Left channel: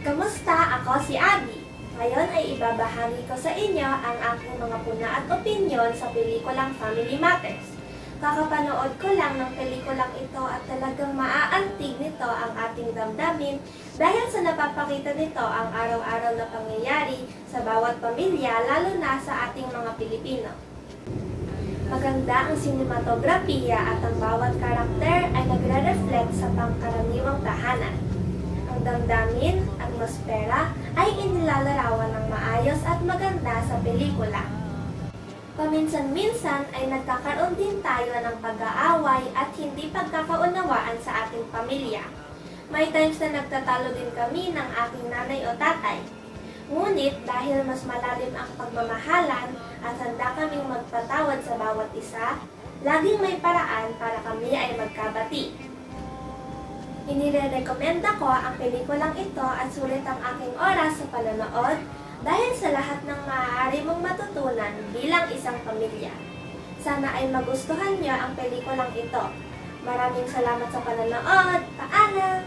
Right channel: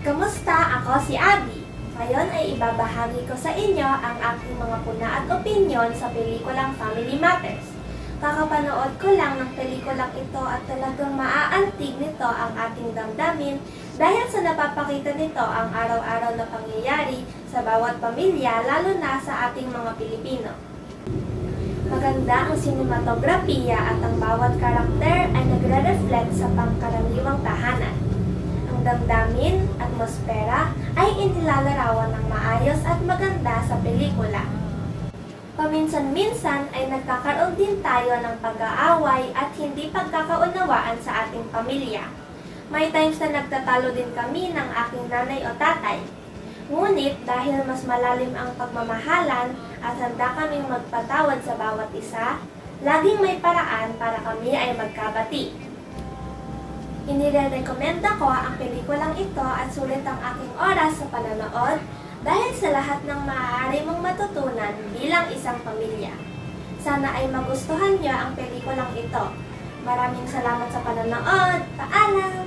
Kamusta? Ako si Abby. Ngayon ay ibabahagi ko sa inyo ang aking mga puna at opinyon sa pelikulang Family Matters. Kakapanood ko lang ng pelikulang ito at talagang maaantig nito ang ating damdamin dahil sa napapakita nito ang araw-araw na pangyayari sa bawat pamilya lalo na sa ating mga Pilipino. Maganda ang sinematografiya at ang bawat karakter ay nagre-reflect sa pangkaraniwang tahanan. Ang damdamin, atmosfera ay inilalarawan ng maayos at maganda sa pelikula. Paminsan-minsan ay nagkakaroon din tayo ng pag-aaway at hindi pagkakaunawaan sa ating pamilya. May times na nagtatalo din kami ng aking nanay o tatay. Ngunit dahil mas malalim ang pagmamahalan at handa kaming magpatawad sa bawat isa, laging may paraan para kami ay magkabati. Inirerekomenda ko ang pelikulang ito at sulit ang aking oras sa panonood dahil sa lahat ng maaari mong matutunan bilang isang pamilya. Sana ay magustuhan niyo ang pelikulang ito. Maraming salamat sa panonood. Paalam!